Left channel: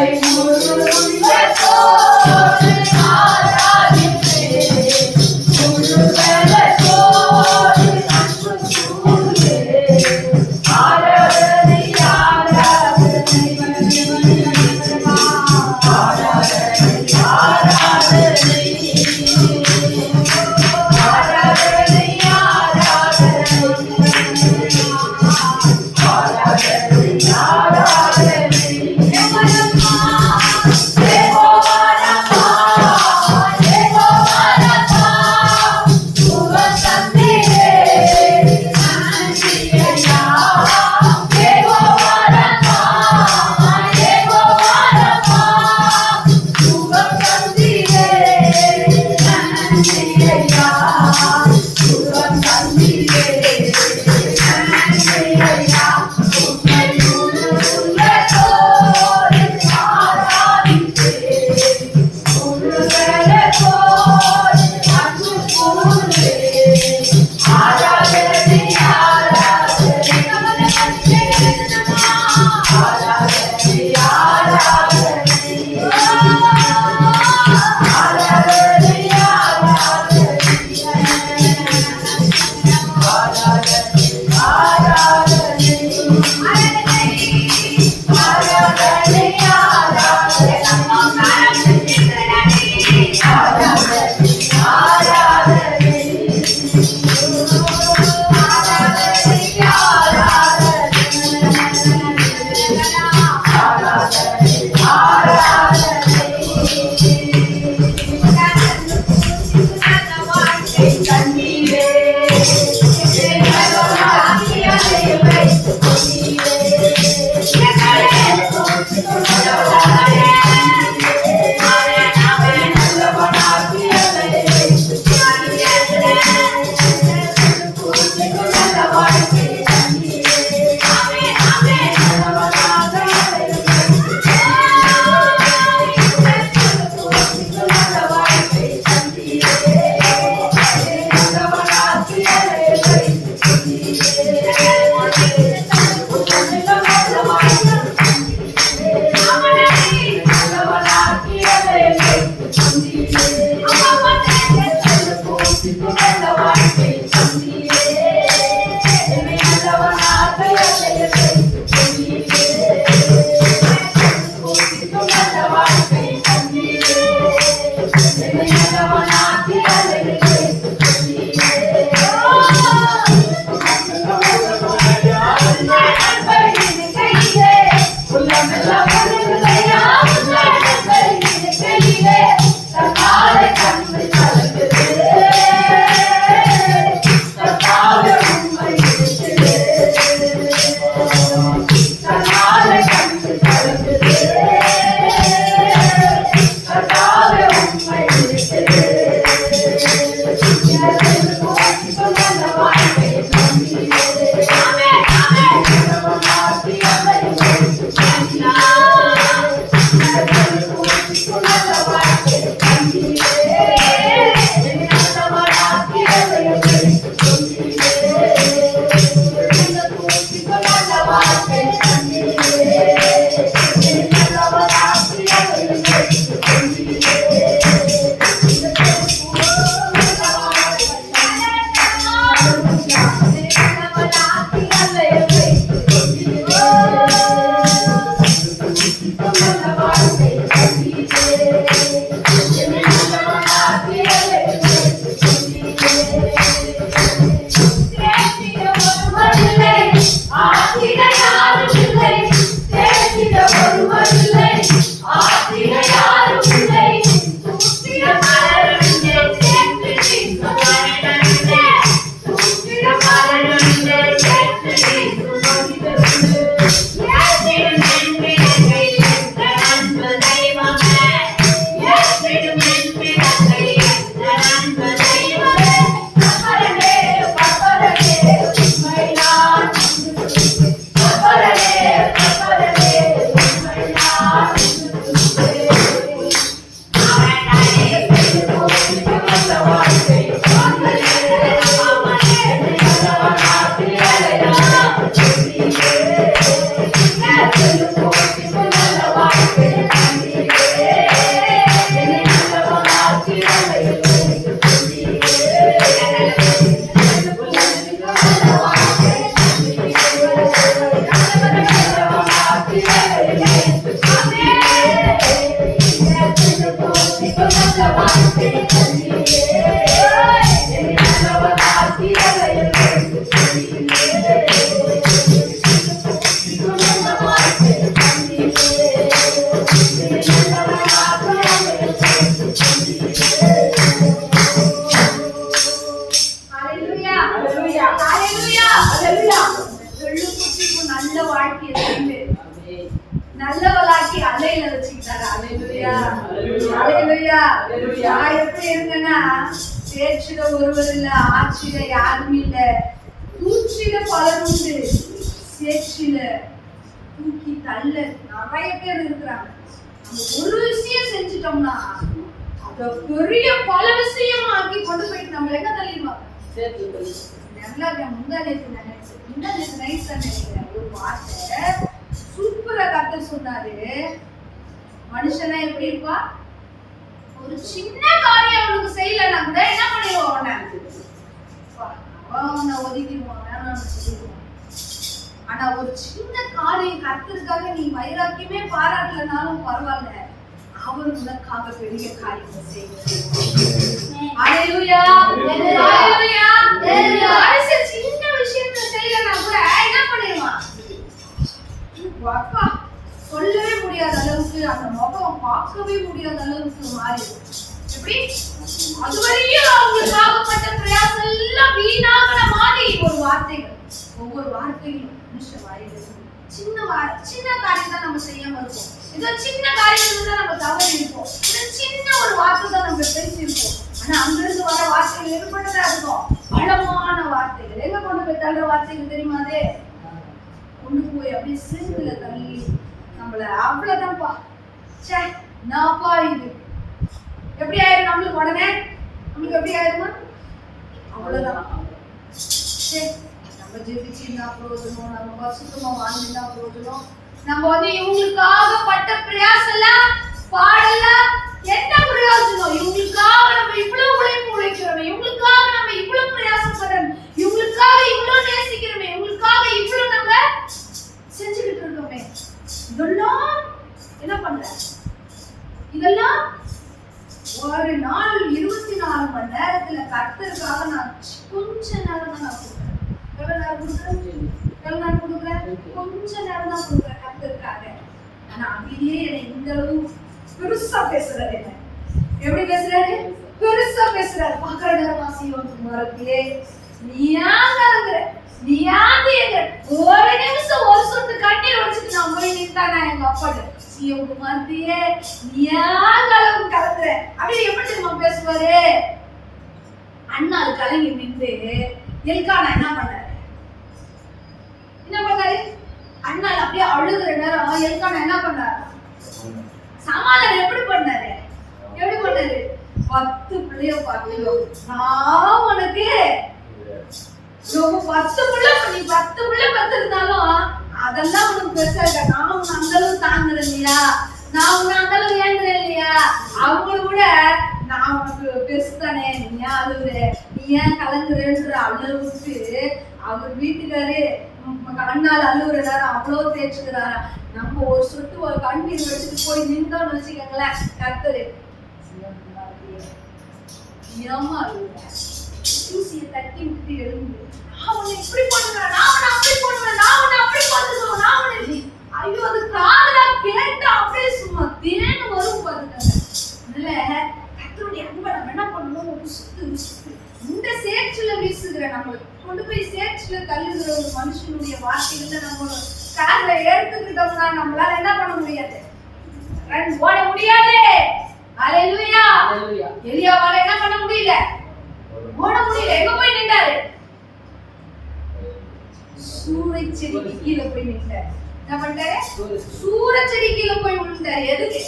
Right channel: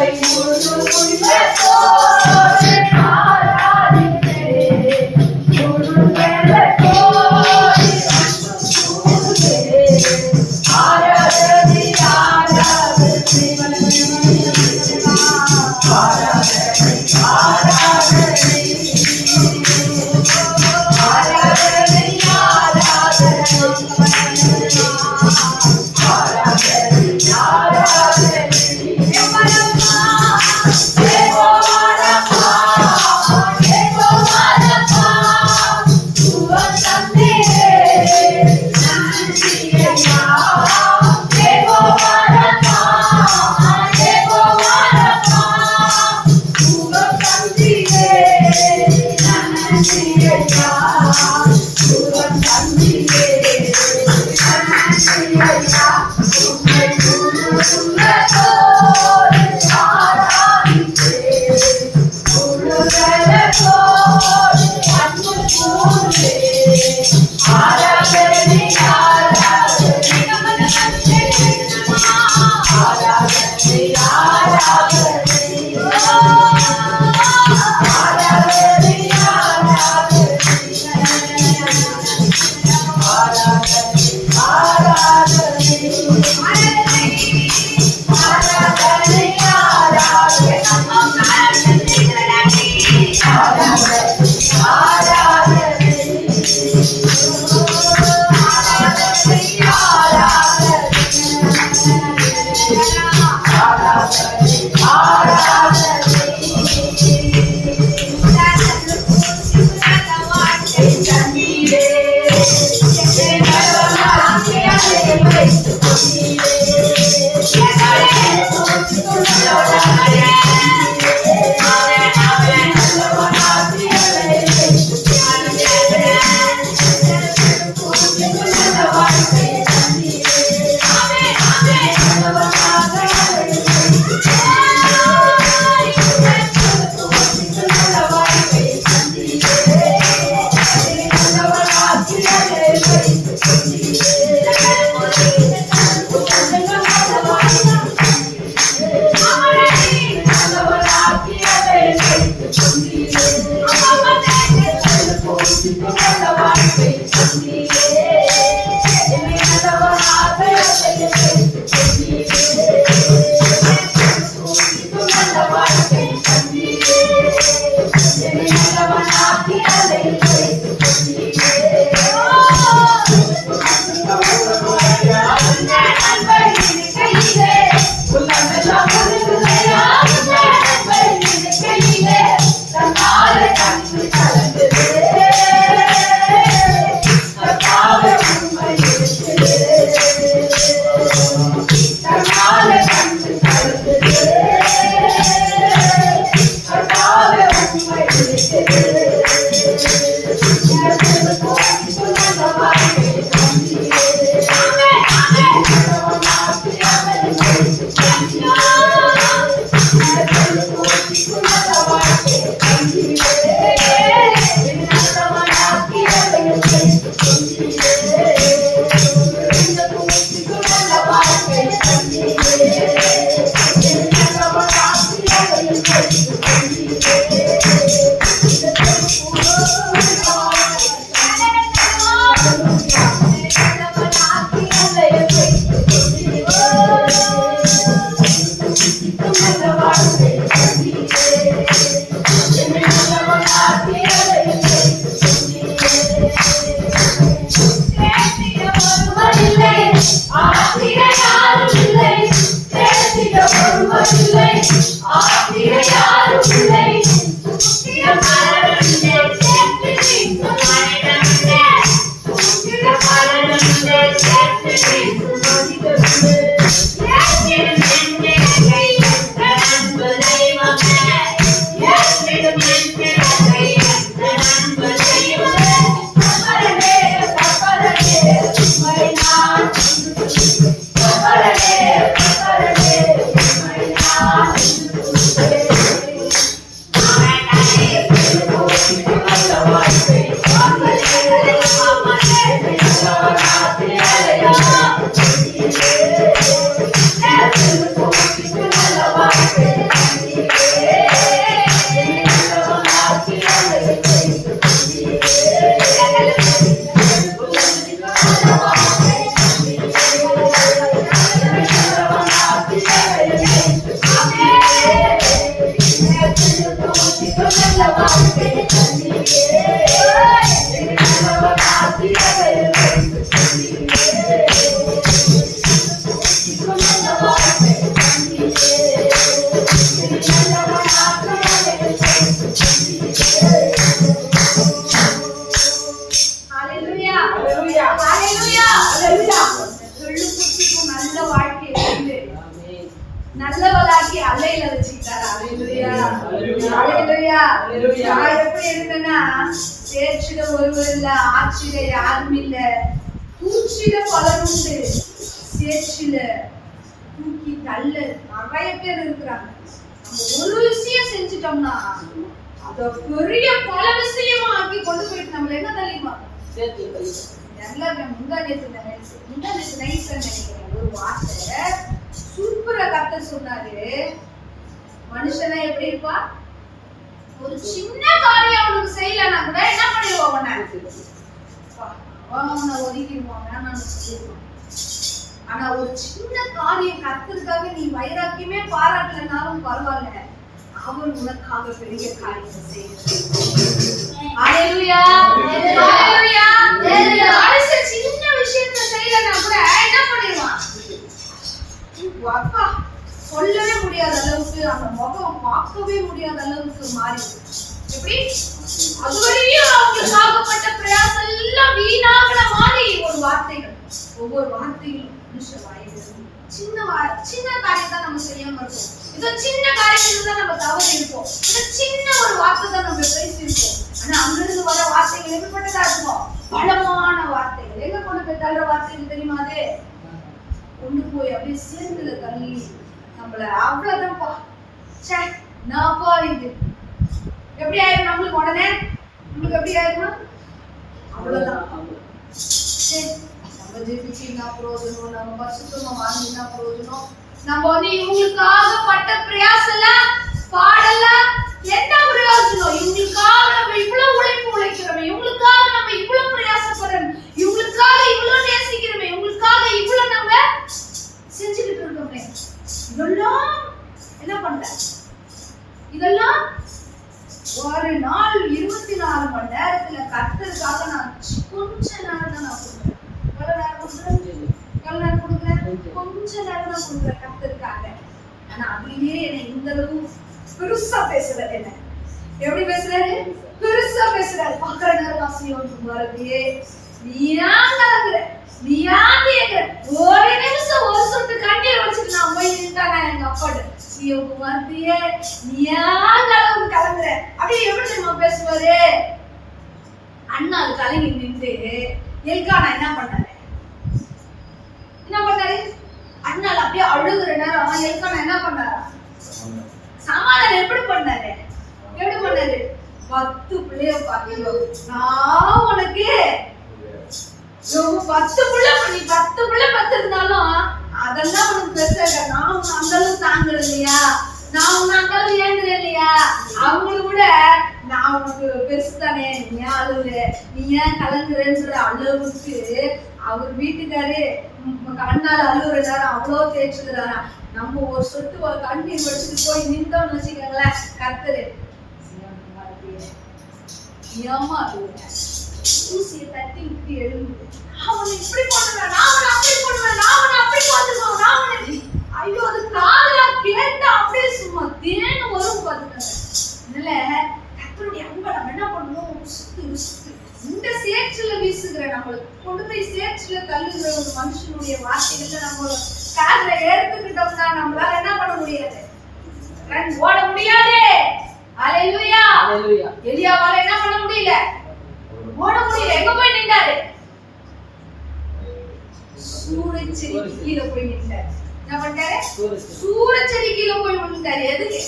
Senhor, eu não me வாழ்க்கை அலையில வச்சுக்கிட்டாரு. நான் எப்படி இருந்தேன்னா பேச்சில ஒருவர் இல்ல ஆட்சியில யாரும் இல்ல. பூச்சில பலர் உண்டு. சேற்றில தூக்கி தள்ள நிறைய பேர் இருக்கிறாங்க. நம்ம ஒரு விஷயம் செஞ்சுட்டோம்னா அத பெரிய பல விஷயமா ஆக்கி கொண்டு போயிட்டு நம்மள என்ன தெரியுமா? முந்தா நினைச்சேன். முந்தா நேத்து நைட் நினைக்கிறேன். ஒரு வார்த்தை. சூப்பரா கத்த சொன்னாரு. மனுஷனா எப்படி இருப்பா? ஒரு சின்ன காரியம் அவனுக்கு செய்யலன்னா கூட என்ன பண்ணிடுவான் அவனை அவன் ஒதுக்கிடுவான் வேணாம்னு சொல்லிடுவான். ஆனா ஒரு சின்ன காரியம் கத்திற்காக நீ வைராக்கியமே பாராட்டலனாலும் பரவாயில்ல. அவர் உனக்காக பெரிய காரியத்தை மனுஷன் சின்ன விஷயத்தை செய்யலனா கூட என்ன பண்ணிடுவான்? அப்பா சொல்லவே முடியாத அளவுக்கு அந்த முகம் பார்க்கவே முடியாத அளவுக்கு மாறி எப்படி? அதுவரையும் அவங்களுக்கு ஆகப்பட்ட பிரயாசம் எல்லாம் வீணாகிற மாதிரி ஒரு வார்த்தைகள் ஒவ்வொரு வார்த்தையும் மனுஷ வாயிலிருந்து சின்ன வா சின்ன காரியம் தான் நம்ம செய்யாம இருக்கோம் இதோ சின்ன காரியத்துல தான் நம்ம தவறு இருப்போம். இதோ சின்ன ஒரு வார்த்தை தான் நம்ம பேசியிருப்போம். ஆனா அங்கிருந்து வர வார்த்தைகள் எதுப்பட்டதா இருக்கும் பலமான வார்த்தைகள். எங்க கொண்டு போய் தள்ளுற வார்த்தைகள் தெரியுமா அது? கொண்டு போய் அப்படியே சேர்ந்துல தள்ளி நம்மள அவ்வளவுதான்ப்பா. ச்சே நாப்பா இது. எப்படி ஆயிரும் நம்மளுக்கு உடனே? நம்மளுக்கு எப்படி ஆயிருமா? அவ்வளவுதான். சே, நம்ம ஜெபிச்சுன்னா பிரயோஜனம்? நம்ம பசுத்தமா வாழ்ந்துனா பிரயோஜனம்? நம்ம வந்து இவங்களுக்காக பட்ட பிரயாசம்லாம் பாடலாம் என்ன பிரயோஜனம்? இவங்களுக்காக நம்ம இவ்வளவு உழைப்பு உழைக்கிறோம் இவங்களுக்காக நம்ம இவ்வளவு பிரயாசப்படுறோம் இவங்களுக்காக இவ்வளவு நேசம் இவங்களுக்காக இவ்வளவு நம்ம செஞ்சுக்கிட்டு இருக்கோமே இதெல்லாம் என்ன பண்ணல? இதெல்லாம் ஒரு நாள் இருபத்தி நாலு மணி நேரத்துல கர்த்தருக்காக நான் கொஞ்ச நேரம் தான் நான் கொடுக்குறேன் எவ்வளவு நேரம் கொடுக்குறேன் எவ்வளவு நேரம் கொடுக்குறேன் கொஞ்ச நேரம் தான் கொடுக்குறேன் கர்த்தருக்காக ஆனா அதுலயே என்னை இந்த அளவு பெருசா பேசுறாரு என்ன? எப்படி பேசுறாரு? பெருசா பேசுறாரு. பாக்குற நேரம் சீவன் குமாரத்தியே நீ ஏன் கலங்குற நீ ஏன் தேங்குற ஒரு நிமிஷம் ஒரு சொட்டு கண்ணீர் வச்சுட்டு நான் போய் நின்றானா எங்க அப்பாட்ட? சிவகுமார்த்தியே நீ ஏன் கலவு கலந்துற அப்படியே எப்படி தெரியுமா பேசுவாரு? அண்ணாள் கலங்கி நின்று எல்கானா என்ன பண்ணாரு? என்ன பண்ணாரு? அண்ணாள் அப்படியே அழுகுற நேரம் எல்கானா என்ன பண்ணாரா? சமாதானம் எப்படி பண்ணாரு? எப்படி பண்ணாரு? பத்து பிள்ளைய பார்த்துக்கோ. நான் உனக்கு நான் உங்க அந்த அளவு இல்லையா? அவங்கள விட நான் உனக்கு பெருசு தானே நீ ஏன் அழுவுற? நீ ஏன் கலங்குறன்ற அளவுக்கு அவர் வீட்டுக்காரு கண்ணால் அழுகுற அவ்வளோ தேய்ச்சிக்கிறாரா நம்ம ஒரு சொட்டு ஒரு கண்ணீர் வச்சுட்டு போய் நின்றோம்னு வச்சுக்கோங்களேன் கர்த்தரு. ஏமா அழுகுற ஊசியை தட்டி விட்டு எழுந்து நான் உன்னை இப்படி பண்ணுவேன் நான் உன்னை அப்படி பண்ணுவேன் நான் உன்னை அப்படி பார்த்துக்குவேன் நான் உன்னை ஐயோ அது காதலா கேட்டா அப்படியே சும்மா தேங்க வரும் பாத்துக்கங்க அதனால கத்தருடைய அன்பை நம்ம என்ன பண்ணணும் உசுத்து உசுத்து இந்த சேற்றுல வீசுகிற நம்மளுக்கு கொண்டு போய் சேற்றுல தள்ளுகிற ஒரு மனுஷனுடைய வார்த்தைகள்ல நம்ம காதுல எடுத்துக்கிட்டோம்னா நம்மளால என்ன பண்ண முடியாது ரன் ஓட முடியாது அலையிலுயா எலியாவால என்ன பண்ண முடியல ஓட முடியல எங்க போய் நின்றாரு சூரச்செடிக்கு கீழே போய் நின்றாரு என்ன பண்ணிட்டாரு சூரச்செடி கீழே போய் விழுந்தாரு எதுக்கு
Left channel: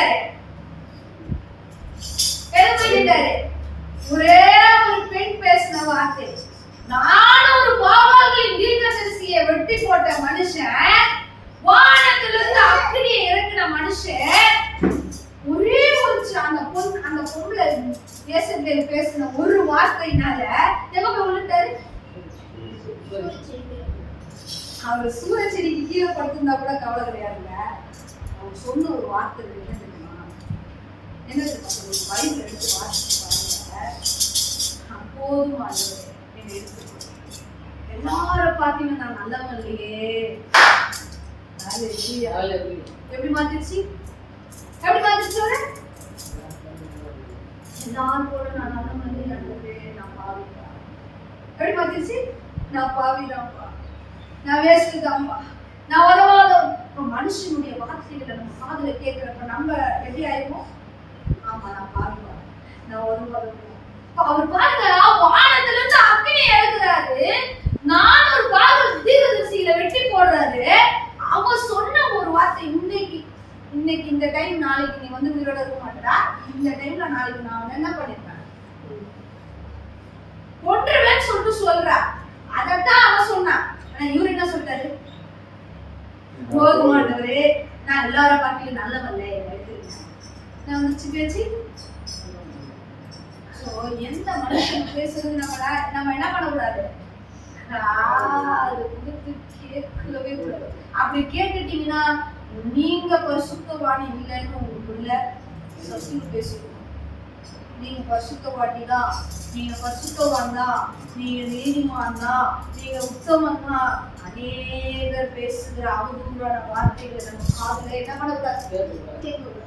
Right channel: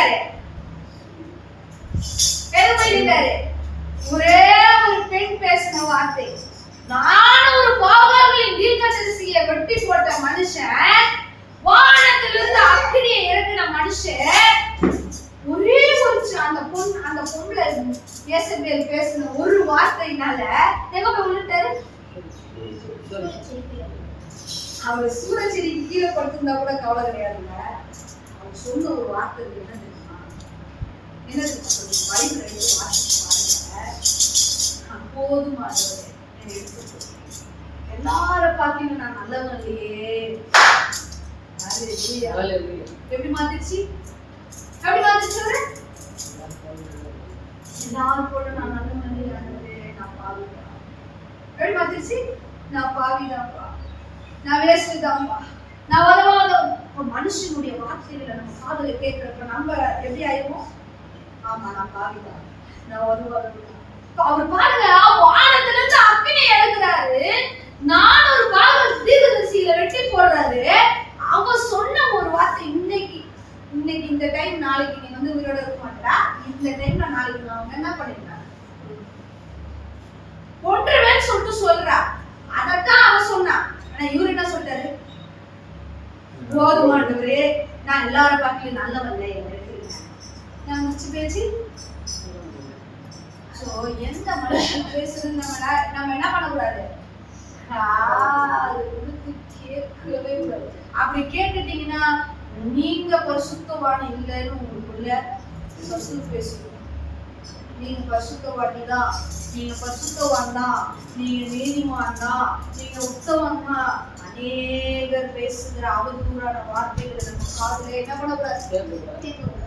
எதுக்கு போய் நின்றாரு எதுக்கு போய் நின்றாரு ஒரே ஒரு பெண் பேசின வார்த்தை நானும் ஒரு பாகால்களின் தீர்க்கதரிசியை வெட்டி போட்ட மனுஷன் வானத்திலிருந்து அக்கினியை இறக்கின மனுஷன். ஒரே ஒரு அந்த பொண் அந்த பொம்பளை ஏசபேல் பேசின ஒரு வார்த்தையினால எங்க போய் விழுந்தாரு அவர் சூரச்செடிக்கு கீழே படுத்திருந்தா கூட கவலை கிடையாதுங்க. அவர் சொன்ன ஒரு வார்த்தை என்ன தெரியுமா? என்ன தெரியுமா பைபிள் எடுத்து வாசிச்சு பாருங்க. போதும் ஆண்டவரே என்னை எல்லார பார்த்தியும் நான் நல்லவன் இல்லையே. எப்படி மாத்திருச்சு? எப்படி மாத்திருச்சு? எல்லாரும் போல நான் நல்லவன் இல்லையே ஆண்டவரே நான் பாவிதான். எப்படி மாத்திருச்சு? நான் பாவிதான்ப்பா நான் வேஸ்ட் தான்ப்பா நான் உதவாத இப்ப மனுஷனுடைய வார்த்தைகளை நம்ம காதலை கேட்கிறப்ப நம்ம எப்படி ஆயிருவோம்? ஆமா நான் பாவிதான். நான் உதவாத அவர் பாருங்க வானத்துல இருந்து அக்னி எடுக்கிறாரு நானூறு பாகம் தீர்க்கதரிசியில வெட்டி போடுறாரு அவன் சொன்ன ஒரு வார்த்தை இன்னைக்கு இன்னைக்கு இந்த டைம் நாளைக்கு நீ வந்து உயிரோட இருக்க மாட்டடா இந்த டைம்ல நாளைக்கு நான் உன்னை என்ன பண்ணிருக்கேன் கொன்றுவேன்னு சொல்லிட்டு சொல்றா அதத்தான் அவன் சொன்னான் ஆனா இவரு என்ன சொல்லிட்டாரு போதுமாண்டவரே நான் எல்லாரும் பார்க்கல நல்லவல்ல என்னை எடுத்துருக்கேன் நான் மிச்சு பேச்சு சோ எந்த மனுஷன் பேசுறது நம்ம நம்ம என்ன பண்ணக்கூடாது காது கொடுத்து கேட்கவே கூடாது அப்படி கேட்டுட்டீங்கன்னா நீங்க பரிசுத்தவான் இல்லைன்னு உங்களுக்குள்ள சசு பேசுவோம் நீங்க பரிசுத்தவாட்டி தான் நீங்க பரிசுத்தவான் தான் நீங்க நீதிமான் தான் நீங்க உத்தமன் தான் அநேகர் பேசுகிற அவதூறான வார்த்தைகளை நம்ம காதுல என்ன பண்ணக்கூடாது? கேட்கக்கூடாது.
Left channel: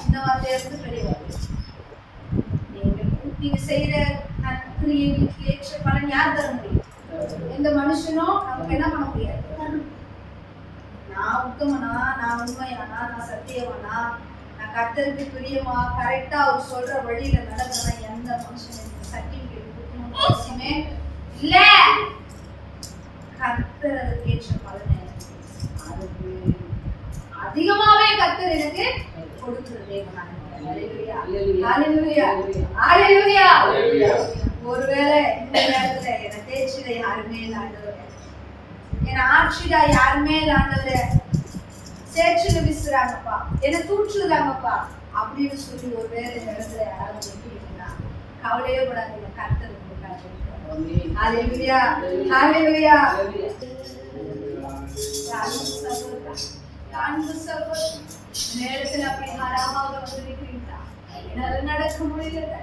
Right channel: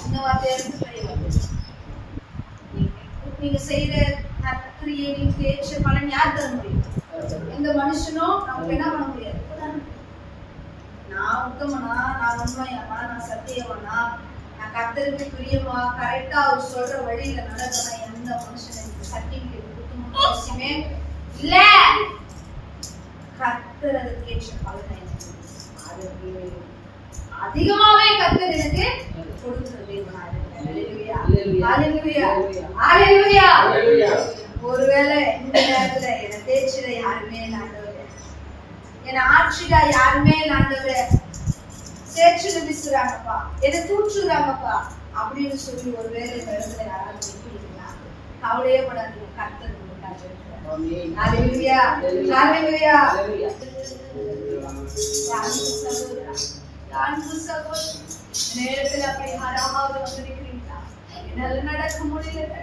சின்ன வார்த்தையா இருந்து பெரிய வார்த்தை நீங்க நீங்க செய்யற நற்கிரியைகளுக்கு ஏற்ற பலன் யார் தர முடியும்? எந்த மனுஷனும் நமக்கு என்ன பண்ண முடியாது? நான் உத்தமனா நான் உண்மையானா நான் சத்தியவனா நான் கர்த்தருக்கு பிரியமா கரெக்டா அவர் சொல்ற வழியில நடந்தனா எந்த மனுஷன் எனக்கு சர்டிபிகேட் கொடுக்கணும்னு அவசியமே இல்ல. கர்த்தர் அதுக்கு ஏற்ற பலனை எனக்கு அதுக்கு அதிகமாவே கர்த்தர் எனக்கு கொடுக்கிற தேவனா. ஒருவேளை இந்த நேரத்துல என்னை தேய்ச்சிட யாருமே இல்ல ஆண்டவரே என்னை ஆட்சியா யாருமே இல்ல சேர்ச்சு விதிச்சுறாங்கப்பா விசுறாங்கப்பா. என்னை தூற்றுறாங்கப்பா. அப்படின்னு சொல்லி ஒருவேளை இந்த இடத்துல யாராவது நிற்கிறீங்கன்னா கவலையே படாதீங்க கர்த்தர் உங்களுக்காக அப்படி யாராவது வந்திருக்கிறீங்களா? என்னால நடக்க முடியல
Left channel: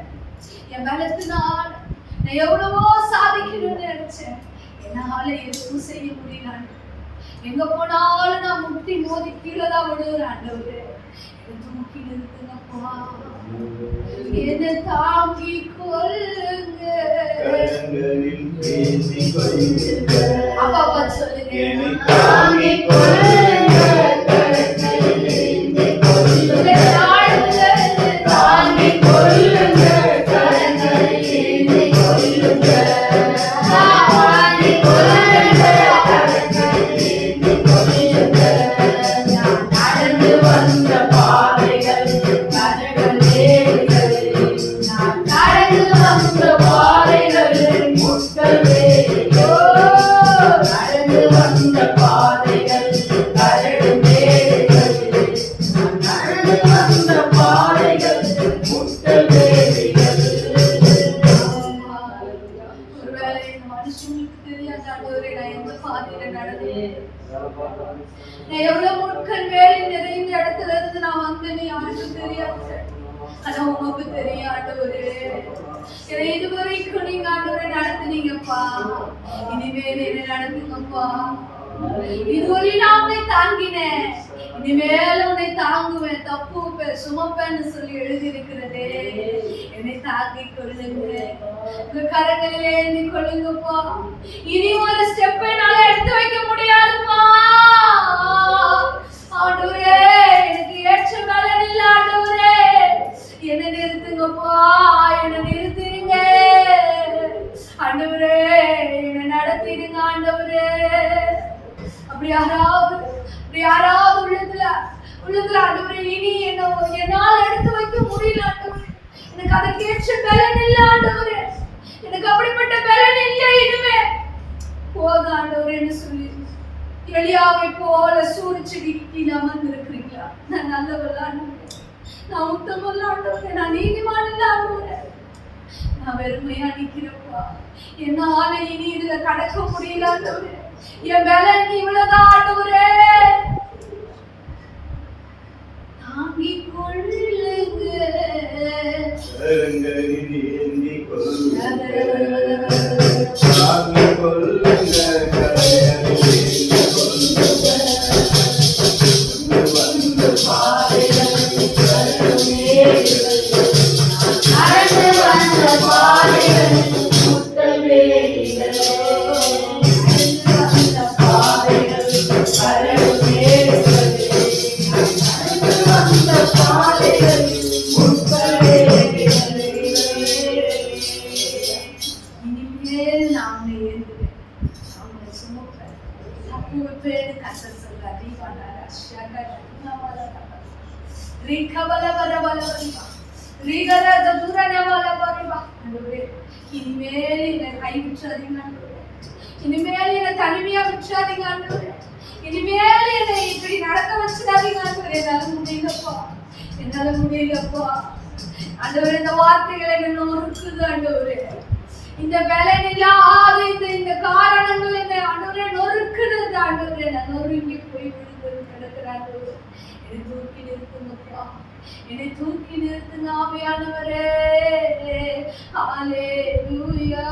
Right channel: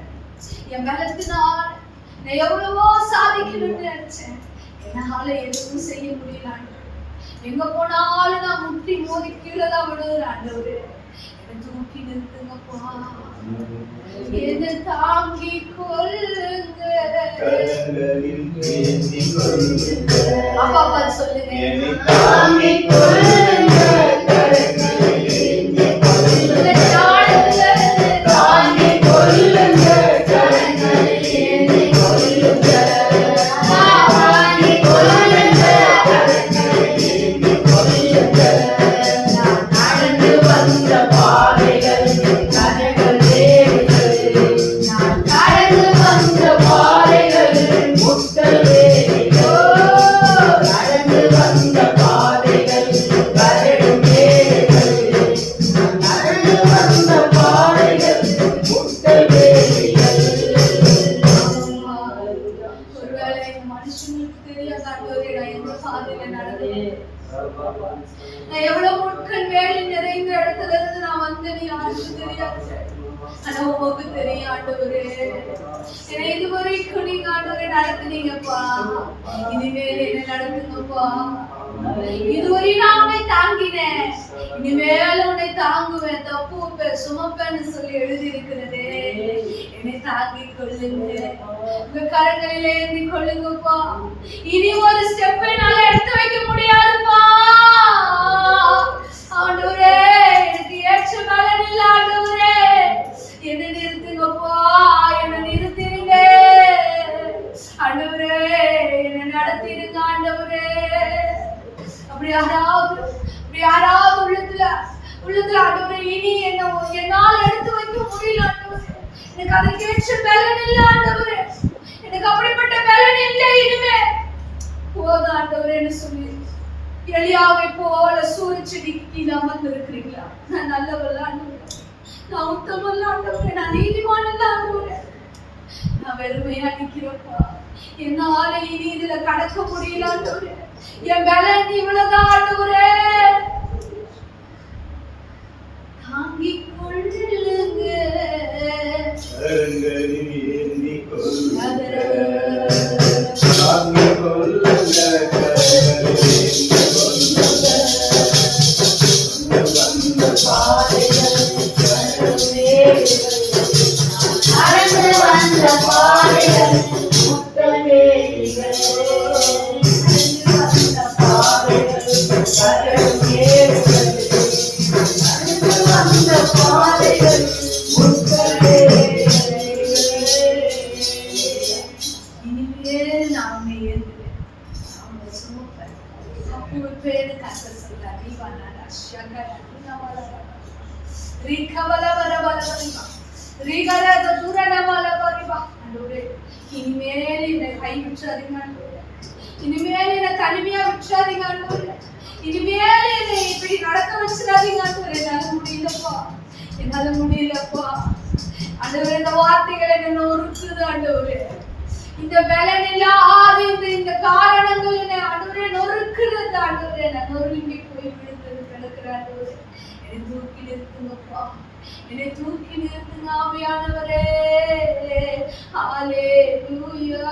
என் பலத்தினால் நான் எவ்வளவோ சாதிக்கணும்னு நினைச்சேன். என்னால எதுவும் செய்ய முடியல எங்க போனாலும் நான் முட்டி மோதி கீழே தான் விடுவேன் ஆண்டவரே என்னை தூக்கி நிறுத்துங்கப்பா. என்னை தாங்கி கொள்ளுங்க. அப்பா அப்பா சொல்லுங்க. என்னை தாங்கிக் கொள்ளுங்க, என்னை இதுவரைக்கும் நீங்க ஆண்டவரை நடத்துனீங்கப்பா. இனிமேல் என்ன நடத்துங்கப்பா. இதுவரை நான் உன்னை தாங்கினேன். இனிமேல் உன்னை தாங்குவேன். தப்புவேன் சுமப்பேன்னு சொல்லி எழுதி இருக்கிறது என்னை தாங்கி கொள்ளுங்க. உங்க கரங்களிலே ஏந்தி கொள்ளுங்கப்பா. இனி ஒரு ஸ்டெப் என்னால எடுத்து வைக்க முடியாது. யாராவது யாராவது உள்ளத்துல உள்ளத்துல ஆண்டவரே இனி என்ன என்னால எடுத்து வைக்க முடியல ஆண்டவரே. எனக்கு அதற்கேற்ற பலன் இல்ல ஆண்டவரே. எனக்கு அப்படிப்பட்ட பலன் இல்லை இனிமே. போதும் ஆண்டவரேன்னு சொல்லி எளியாவை போல சூரியச்செடி கீழே அமர்ந்து இருக்கிறீங்களா நான் நல்லவல்ல ஆண்டவரே. நான் உத்தமல்ல ஆண்டவரே. நான் நீதிமானல்ல ஆண்டவரே. நான் வெறுமையா நிக்கிறப்பா என்னால இனி இதுல கடக்க முடியல ஆண்டவரே. என் பலன் இவ்வளவுதான் ஆண்டவரே தாங்கிக் கொள்ளுங்க. ரீகராஜ தூரணவலவரிவா. ஆண்டவரே, இனிமேல் என்னை கை விட்டுறாதீங்க இனிமேல் என்னை தனிமையா விட்டுறாதீங்க ஆண்டவரே இனிமேல் என்னை இப்படி நடக்க வச்சிடாதீங்க ஆண்டவரே என்னால முடியலப்பா. என்னால முடியலப்பா. அண்டவர் இந்த வார்த்தைகள் என்ன நொறுக்குது அண்டவர் இந்த பலன் இல்லாத இந்த இந்த காரணங்கள் என்ன அண்டவரே நொறுக்குது ஆண்டவரே. நான் நொறுங்கி போய் விழுந்து கிடக்கிற ஆண்டவரே என்னை தூக்கி நிறுத்துங்கப்பா என்னை தூக்கி நிறுத்துங்க ஆவியானவரே. ஹalleluya